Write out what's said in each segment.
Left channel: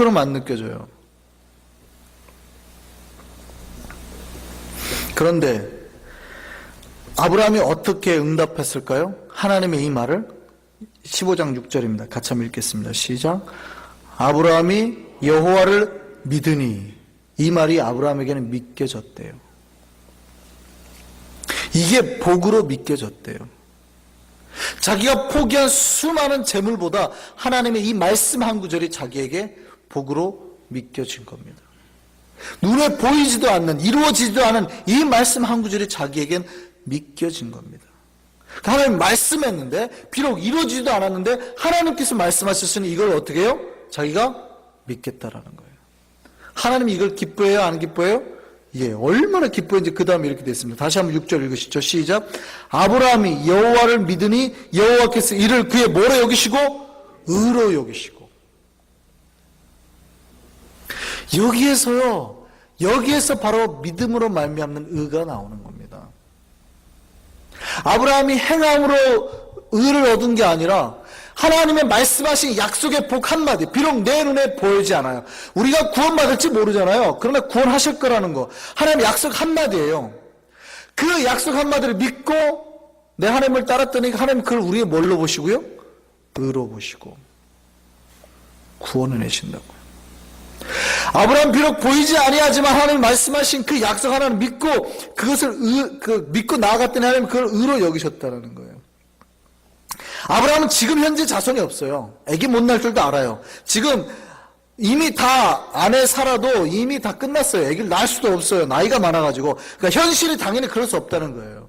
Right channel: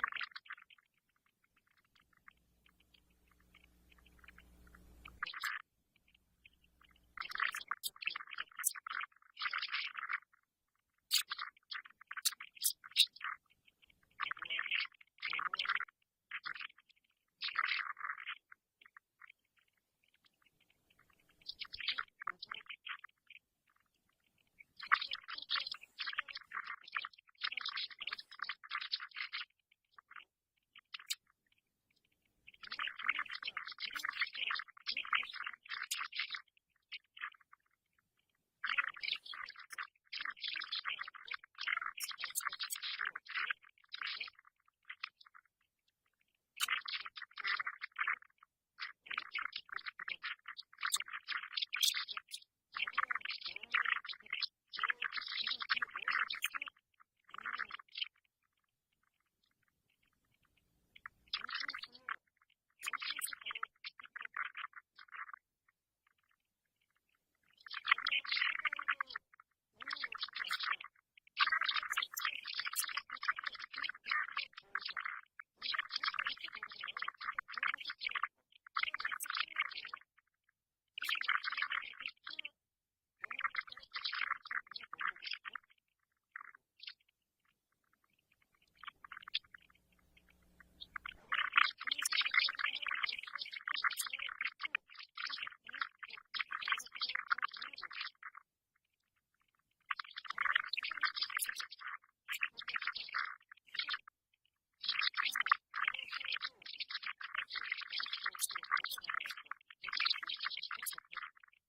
것처럼 안 느껴져요. 그런데 아브라함이 어떻게 응답했을까요? 하나님의 이 말을 15장 6절입니다. 같이 한번 읽겠습니다. 시작. 아브라함이 여호와를 믿으니, 이 말이 아브라함에게는 믿겨졌대요. 이게 복으로 믿겨졌대요. 자기가 포기한 수많은 재물보다 하나님의 이 말씀 한 구절이 자기에게 복으로 믿겨진 겁니다. 눈에 보이지도 않는, 이루어지지도 않은 이 말씀 한 구절이 자기에겐 믿겨진 겁니다. 하나님 말씀했는데 비록 이루어지지도 않았는데 하나님께서 말씀하셨으니 이걸 어떻게 해요? 자기가 믿겠다라는 거예요. 하나님이 이걸 기뻐해요? 안 기뻐해요? 예, 얼마나 기뻐했는지 그 다음에 이렇게 됐습니다. 다시 한번 6절 읽으시죠. 시작. 아브라함이 여호와를 믿으니 여호와께서 이를 그의 뭐로 여기시고? 의로 여기시고. 여기에서 바로 믿음으로 말미암는 의가 나오는 겁니다. 아브라함이 행함으로 의를 얻은 게 아니라 하나님의 말씀하신 약속의 복 한마디, 비록 내 눈에 보이지 않아요. 우리가 구원받을지 모르잖아요. 그러나 구원하실 거라는 거, 하나님의 약속 한마디예요. 그 약속 한마디를 믿고 내 하나님을 따랐더니 하나님 그걸 우리의 뭘로 보시고요? 의로 보시고 구원을 내신다고요. 아브라함 비록 보이지 아니하지만 하나님 말씀하신 그 약속 하나를 믿고 그것을 믿고 나아갔더니 하나님 그걸 의로 여기셨다는 거예요. 아브라함은 지금 현재 자손이 없어요. 아기 못 낳을 줄도 알아요. 지금 이미 다 아내 살아도 이미 다 끝났어요. 아기를 낳을 수도 없어요. 나이가 많아가지고. 그러니까 현실이 당연히 그럴 수 없다는 거예요.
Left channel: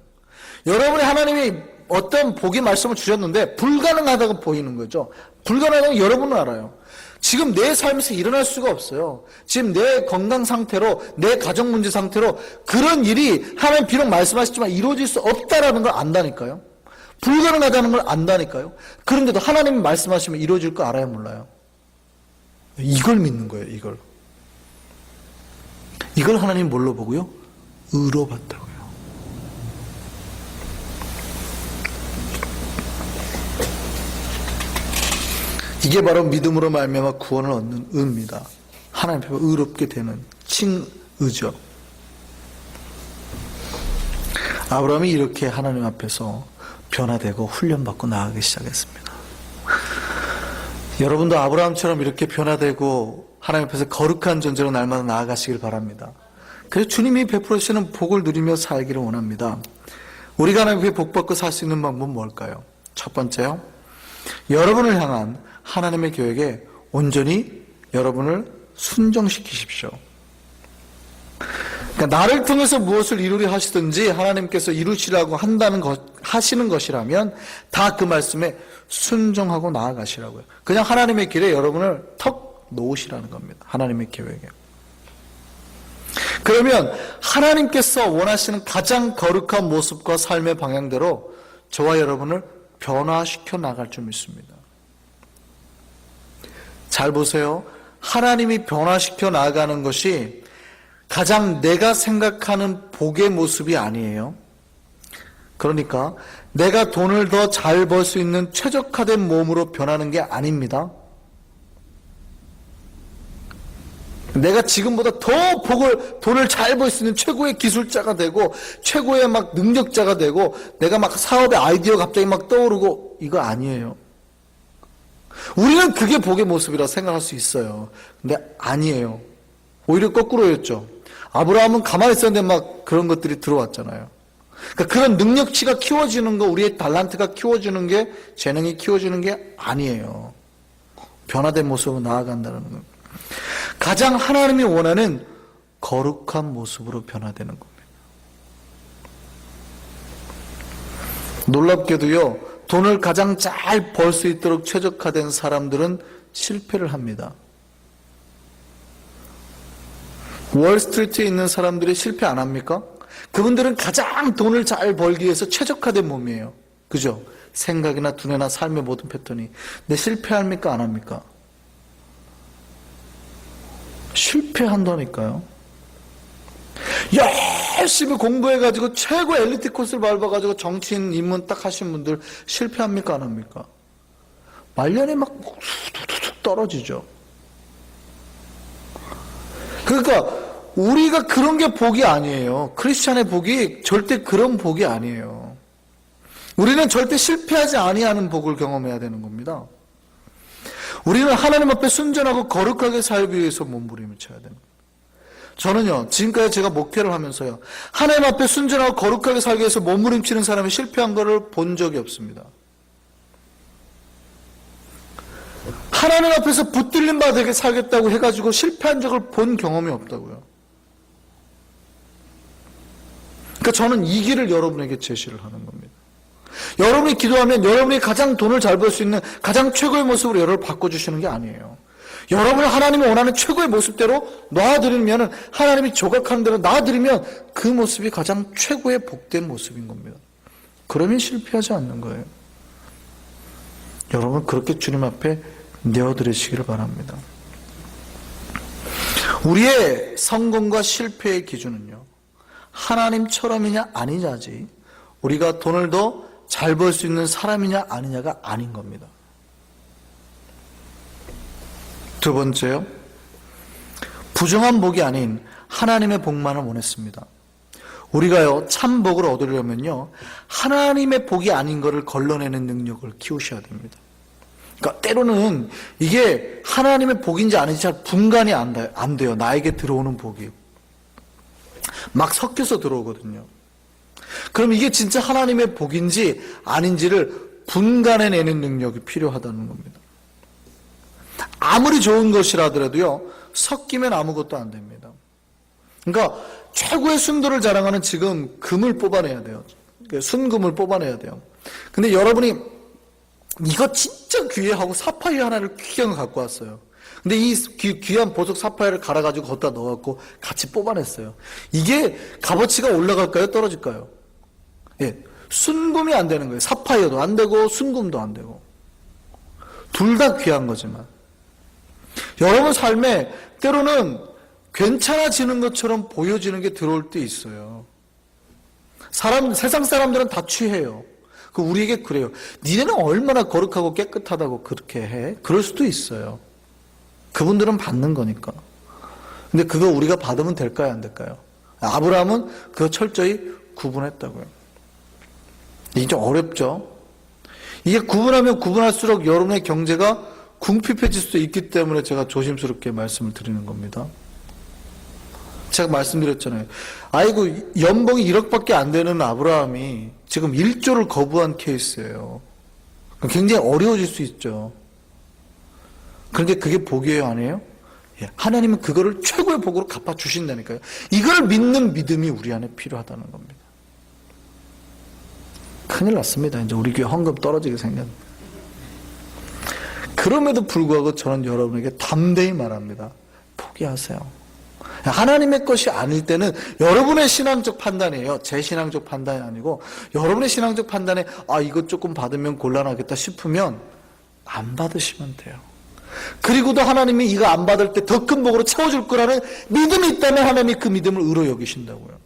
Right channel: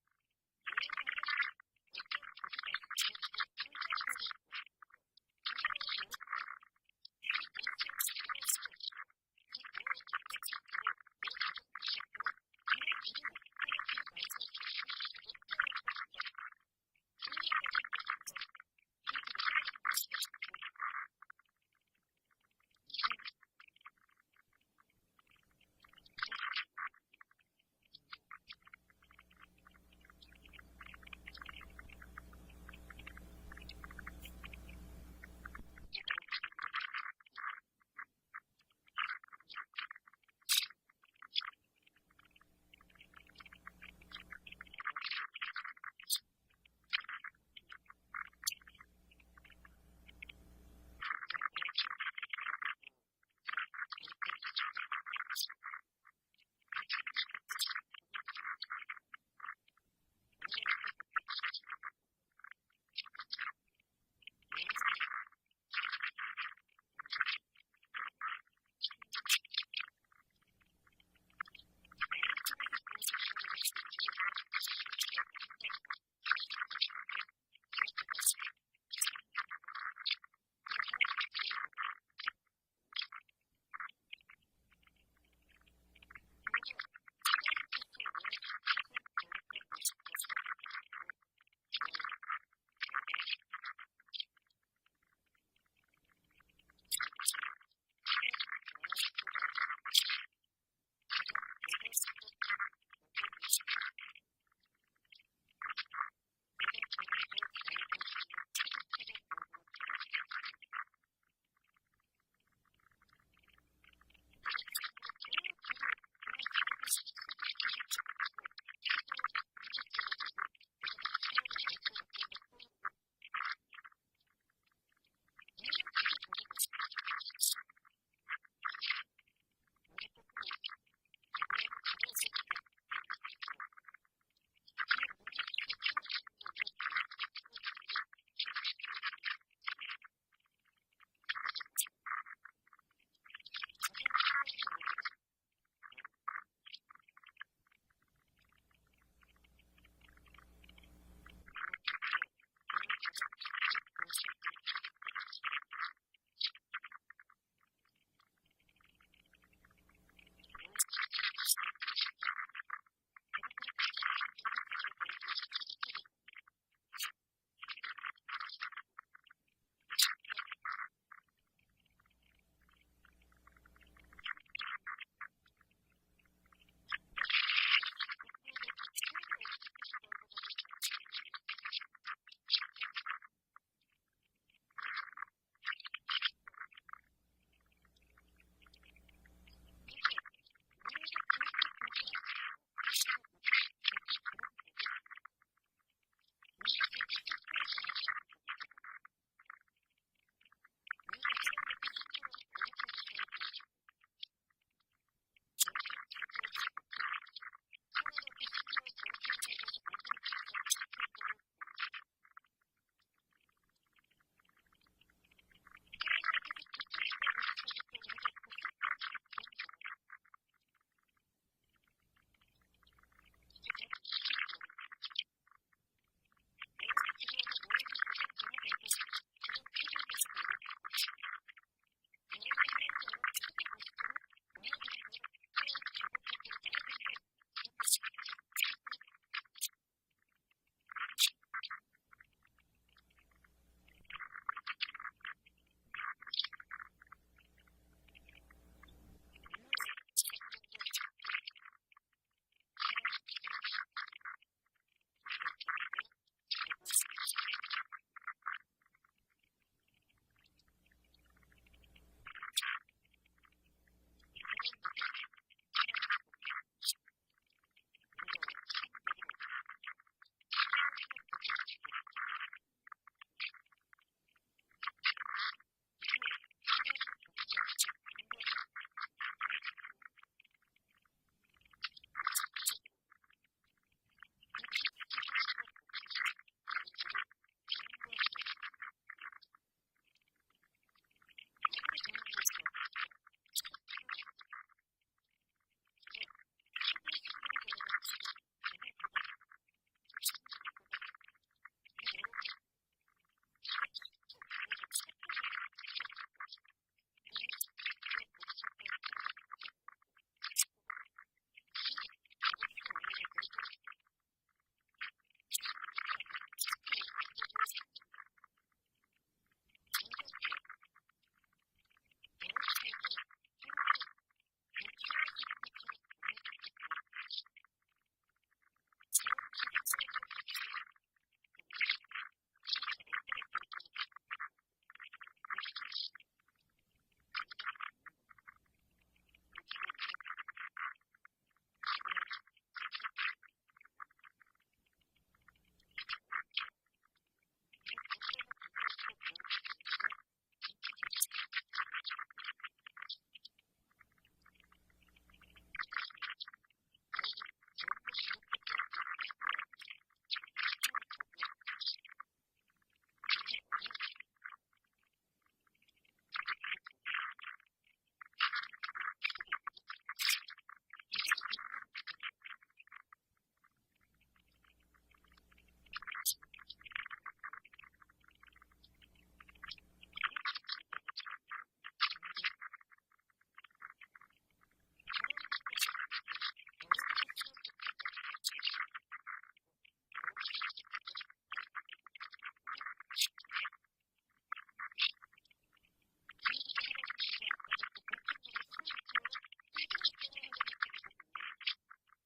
여러분이 하나님이 어떤 복의 말씀을 주셨는데 불가능하다고 보이는 거죠. 불가능하다고 여러분은 알아요. 지금 내 삶에서 일어날 수가 없어요. 지금 내 건강 상태로, 내 가정 문제 상태로 그런 일이 하나님 비록 말씀하셨지만 이루어질 수 없다라는 걸 안다니까요. 불가능하다는 걸 안다니까요. 그런데도 하나님이 말씀하시면 이루어질 거 알아요, 몰라요? 이걸 믿는 거예요, 이걸. 이걸 하나님 뭘로 보고요? 의로 봤다고요. 이게 바로 믿음으로 말미암아 구원을 얻는 의입니다. 하나님 앞에 의롭게 되는 칭의죠. 아브라함이 이렇게 하나님 앞에서 변화되고 훈련받고 나아가기 시작했습니다. 여러분도 아브라함처럼 이렇게 변화되고 하나님 앞에서 거룩한 존재로 날마다 나아가시길 바랍니다. 그래서 주님이 베풀어 주시는 복을 누리며 살기를 원합니다. 우리가 하나님 앞에 복받고 살 수 있는 방법은 뭘까요? 첫 번째요, 여러분을 향한 하나님의 계획에 온전히 여러분을 순종시키십시오. 그러니까 나를 통해서 무엇을 이루려 하시든지 하나님께서 이루시라고 하시는 것이라면 다 그 말씀에 순종하고 나아가시라고요. 그냥 하나님의 길에 여러분을 턱 놓으시라는 겁니다. 하나님의 계획에. 그러면 하나님께서 원하시는 가장 거룩한 모습과 삶의 방향대로 저와 여러분을 변화시켜 나갈 줄 믿습니다. 잘 보세요. 하나님이 변화시켜 나가는 것이 가장 내가 생각하는 복의 모습이 아니에요. 그러니까 내가 돈을 더 잘 벌 수 있는 최적화된 몸으로 변하는 게 아닙니다. 내가 지금보다 더 돈을 잘 벌 수 있는 최고의 기술자가 되고 최고의 막 능력자가 되고 내가 막 사업의 아이디어가 갑자기 막 떠오르고, 이거 아니에요. 우리는 그게 복의 모습이라 생각할 수 있어요. 근데 아니에요. 오히려 거꾸로였죠. 아브라함은 가만히 있었는데 막 그런 것들이 들어왔잖아요. 그러니까 그런 능력치가 키워지는 거, 우리의 달란트가 키워지는 게, 재능이 키워지는 게 아니에요. 변화된 모습으로 나아간다는 거. 가장 하나님이 원하는 거룩한 모습으로 변화되는 겁니다. 놀랍게도요, 돈을 가장 잘 벌 수 있도록 최적화된 사람들은 실패를 합니다. 월스트리트에 있는 사람들이 실패 안 합니까? 그분들은 가장 돈을 잘 벌기 위해서 최적화된 몸이에요. 그죠? 생각이나 두뇌나 삶의 모든 패턴이. 근데 실패합니까? 안 합니까? 실패한다니까요. 열심히 공부해가지고 최고 엘리트 코스를 밟아가지고 정치인 입문 딱 하신 분들 실패합니까? 안 합니까? 말년에 막 툭툭툭 떨어지죠. 그러니까 우리가 그런 게 복이 아니에요. 크리스찬의 복이 절대 그런 복이 아니에요. 우리는 절대 실패하지 아니하는 복을 경험해야 되는 겁니다. 우리는 하나님 앞에 순전하고 거룩하게 살기 위해서 몸부림을 쳐야 됩니다. 저는요, 지금까지 제가 목회를 하면서요, 하나님 앞에 순전하고 거룩하게 살기 위해서 몸부림치는 사람이 실패한 것을 본 적이 없습니다. 하나님 앞에서 붙들림 받게 살겠다고 해가지고 실패한 적을 본 경험이 없다고요. 그러니까 저는 이 길을 여러분에게 제시를 하는 겁니다. 여러분이 기도하면 여러분이 가장 돈을 잘 벌 수 있는 가장 최고의 모습으로 여러분을 바꿔주시는 게 아니에요. 여러분을 하나님이 원하는 최고의 모습대로 놔드리면, 하나님이 조각하는 대로 놔드리면 그 모습이 가장 최고의 복된 모습인 겁니다. 그러면 실패하지 않는 거예요. 여러분 그렇게 주님 앞에 내어드리시기를 바랍니다. 우리의 성공과 실패의 기준은요, 하나님처럼이냐 아니냐지, 우리가 돈을 더 잘 벌 수 있는 사람이냐 아니냐가 아닌 겁니다. 두 번째요, 부정한 복이 아닌 하나님의 복만을 원했습니다. 우리가요, 참 복을 얻으려면요, 하나님의 복이 아닌 것을 걸러내는 능력을 키우셔야 됩니다. 그러니까 때로는 이게 하나님의 복인지 아닌지 잘 분간이 안 돼요. 나에게 들어오는 복이 막 섞여서 들어오거든요. 그럼 이게 진짜 하나님의 복인지 아닌지를 분간해내는 능력이 필요하다는 겁니다. 아무리 좋은 것이라더라도요, 섞이면 아무것도 안 됩니다. 그러니까 최고의 순도를 자랑하는 지금 금을 뽑아내야 돼요. 순금을 뽑아내야 돼요. 근데 여러분이 이거 진짜 귀해하고 사파이어 하나를 귀한 거 갖고 왔어요. 근데 이 귀한 보석 사파이어를 갈아가지고 거기다 넣어갖고 같이 뽑아냈어요. 이게 값어치가 올라갈까요? 떨어질까요? 예, 순금이 안 되는 거예요. 사파이어도 안 되고 순금도 안 되고. 둘 다 귀한 거지만 여러분 삶에 때로는 괜찮아지는 것처럼 보여지는 게 들어올 때 있어요. 세상 사람들은 다 취해요. 우리에게 그래요. 니네는 얼마나 거룩하고 깨끗하다고 그렇게 해? 그럴 수도 있어요. 그분들은 받는 거니까. 근데 그거 우리가 받으면 될까요? 안 될까요? 아브라함은 그거 철저히 구분했다고요. 이게 좀 어렵죠? 이게 구분하면 구분할수록 여러분의 경제가 궁핍해질 수도 있기 때문에 제가 조심스럽게 말씀을 드리는 겁니다. 제가 말씀드렸잖아요. 아이고, 연봉이 1억밖에 안 되는 아브라함이 지금 1조를 거부한 케이스예요. 굉장히 어려워질 수 있죠. 그런데 그게 복이에요, 아니에요? 예, 하나님은 그거를 최고의 복으로 갚아주신다니까요. 이걸 믿는 믿음이 우리 안에 필요하다는 겁니다. 큰일 났습니다. 이제 우리 교회 헌금 떨어지게 생겼는데. 그럼에도 불구하고 저는 여러분에게 담대히 말합니다. 포기하세요. 하나님의 것이 아닐 때는 여러분의 신앙적 판단이에요. 제 신앙적 판단이 아니고 여러분의 신앙적 판단에 이것 조금 받으면 곤란하겠다 싶으면 안 받으시면 돼요. 그리고도 하나님이 이거 안 받을 때 더 큰 복으로 채워줄 거라는 믿음이 있다면 하나님이 그 믿음을 의로 여기신다고요.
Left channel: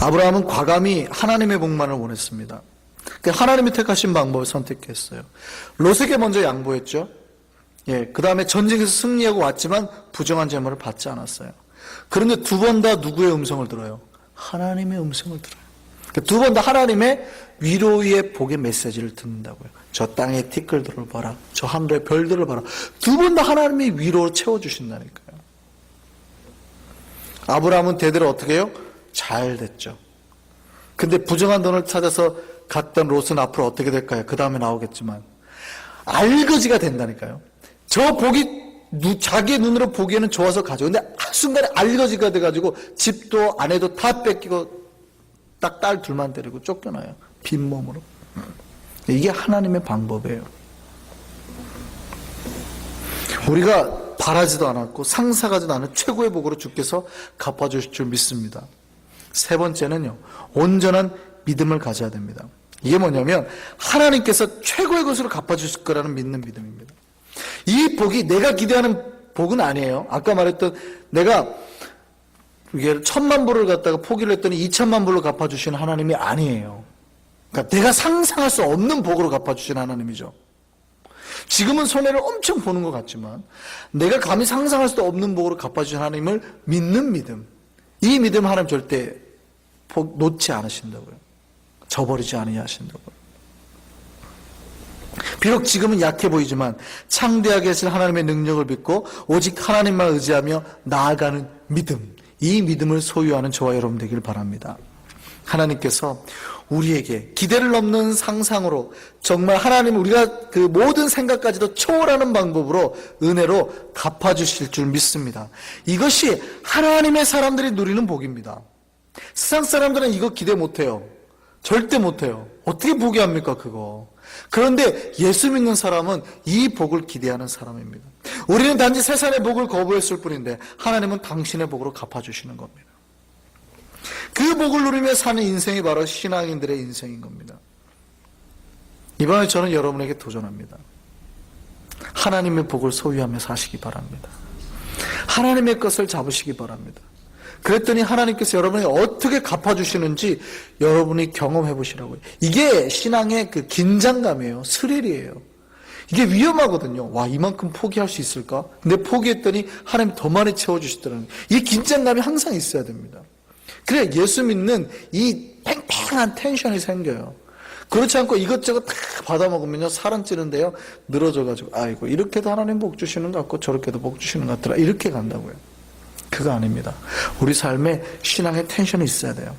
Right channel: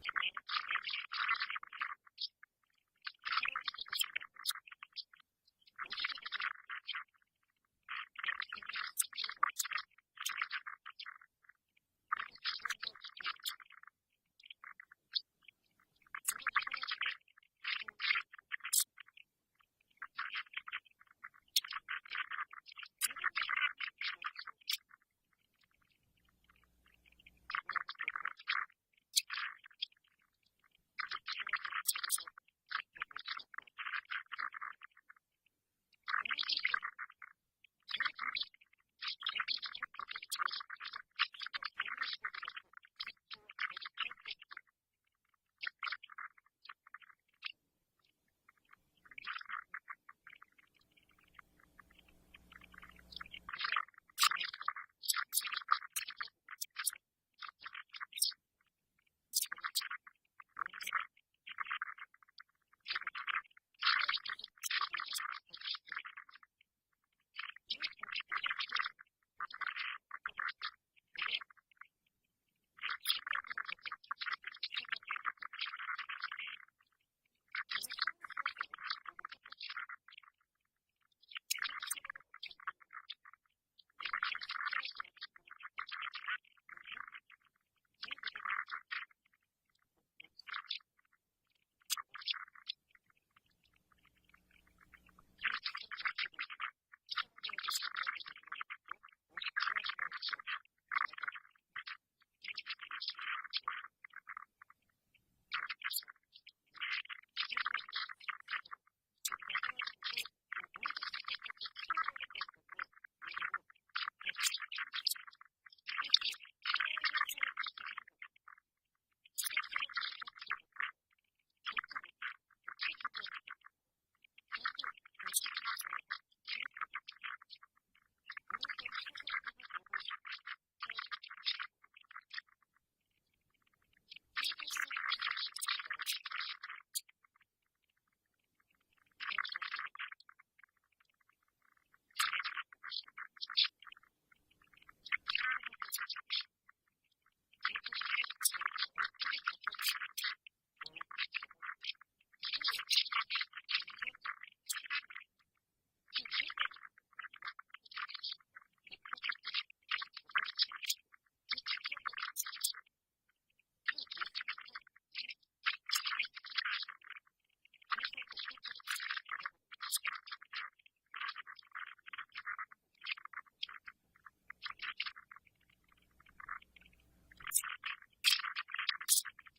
아브라함은 과감히 하나님의 복만을 원했습니다. 하나님이 택하신 방법을 선택했어요. 롯에게 먼저 양보했죠. 예, 그 다음에 전쟁에서 승리하고 왔지만 부정한 재물을 받지 않았어요. 그런데 두 번 다 누구의 음성을 들어요? 하나님의 음성을 들어요. 두 번 다 하나님의 위로의 복의 메시지를 듣는다고요. 저 땅의 티끌들을 봐라. 저 하늘의 별들을 봐라. 두 번 다 하나님이 위로를 채워주신다니까요. 아브라함은 대대로 어떻게 해요? 잘 됐죠. 근데 부정한 돈을 찾아서 갔던 롯은 앞으로 어떻게 될까요? 그 다음에 나오겠지만 알거지가 된다니까요. 저 복이 자기의 눈으로 보기에는 좋아서 가죠. 근데 한순간에 알거지가 돼가지고 집도 아내도 다 뺏기고 딱 딸 둘만 데리고 쫓겨나요. 빈몸으로. 이게 하나님의 방법이에요. 우리가 바라지도 않았고 상상하지도 않은 최고의 복으로 주께서 갚아주실 줄 믿습니다. 세 번째는요, 온전한 믿음을 가져야 됩니다. 이게 뭐냐면 하나님께서 최고의 것으로 갚아주실 거라는 믿는 믿음입니다. 이 복이 내가 기대하는 복은 아니에요. 아까 말했던 내가 10,000만 불을 갖다가 포기를 했더니 2,000만 불로 갚아주시는 하나님이 아니에요. 그러니까 내가 상상할 수 없는 복으로 갚아주신 하나님이죠. 지금은 손해를 엄청 보는 것 같지만 내가 감히 상상할 수도 없는 복으로 갚아주신 하나님을 믿는 믿음, 이 믿음 하나님 절대 복 놓지 않으신다고요. 저버리지 아니하신다고요. 비록 지금은 약해 보이지만 창대하게 하신 하나님의 능력을 믿고 오직 하나님만 의지하며 나아가는 믿음, 이 믿음을 소유하는 저와 여러분 되길 바랍니다. 하나님께서 우리에게 기대를 넘는 상상으로 정말 하나님 우리가 그 모든 생각까지도 초월하는 방법으로 은혜로 갚아주실 줄 믿습니다. 이것이 하나님의 사람들이 누리는 복입니다. 세상 사람들은 이거 기대 못해요. 절대 못해요. 어떻게 포기합니까 그거. 그런데 예수 믿는 사람은 이 복을 기대하는 사람입니다. 우리는 단지 세상의 복을 거부했을 뿐인데 하나님은 당신의 복으로 갚아주시는 겁니다. 그 복을 누리며 사는 인생이 바로 신앙인들의 인생인 겁니다. 이번에 저는 여러분에게 도전합니다. 하나님의 복을 소유하며 사시기 바랍니다. 하나님의 것을 잡으시기 바랍니다. 그랬더니 하나님께서 여러분에게 어떻게 갚아주시는지 여러분이 경험해 보시라고요. 이게 신앙의 그 긴장감이에요. 스릴이에요. 이게 위험하거든요. 와, 이만큼 포기할 수 있을까? 근데 포기했더니 하나님 더 많이 채워주시더라고요. 이 긴장감이 항상 있어야 됩니다. 그래 예수 믿는 이 팽팽한 텐션이 생겨요. 그렇지 않고 이것저것 다 받아먹으면요 살은 찌는데요 늘어져가지고 아이고 이렇게도 하나님 복 주시는 것 같고 저렇게도 복 주시는 것 같더라 이렇게 간다고요. 그거 아닙니다. 우리 삶에 신앙의 텐션이 있어야 돼요.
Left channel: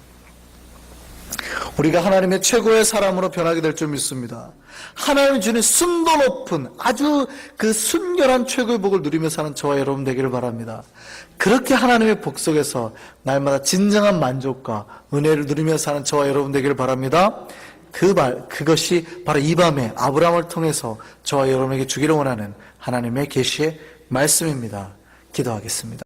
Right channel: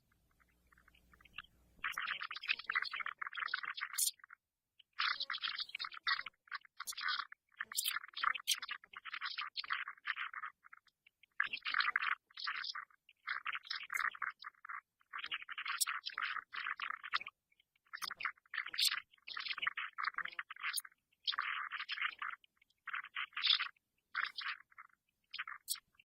우리가 하나님의 최고의 사람으로 변하게 될 줄 믿습니다. 하나님이 주는 순도 높은 아주 그 순결한 최고의 복을 누리며 사는 저와 여러분 되기를 바랍니다. 그렇게 하나님의 복 속에서 날마다 진정한 만족과 은혜를 누리며 사는 저와 여러분 되기를 바랍니다. 그것이 바로 이 밤에 아브라함을 통해서 저와 여러분에게 주기를 원하는 하나님의 계시의 말씀입니다. 기도하겠습니다.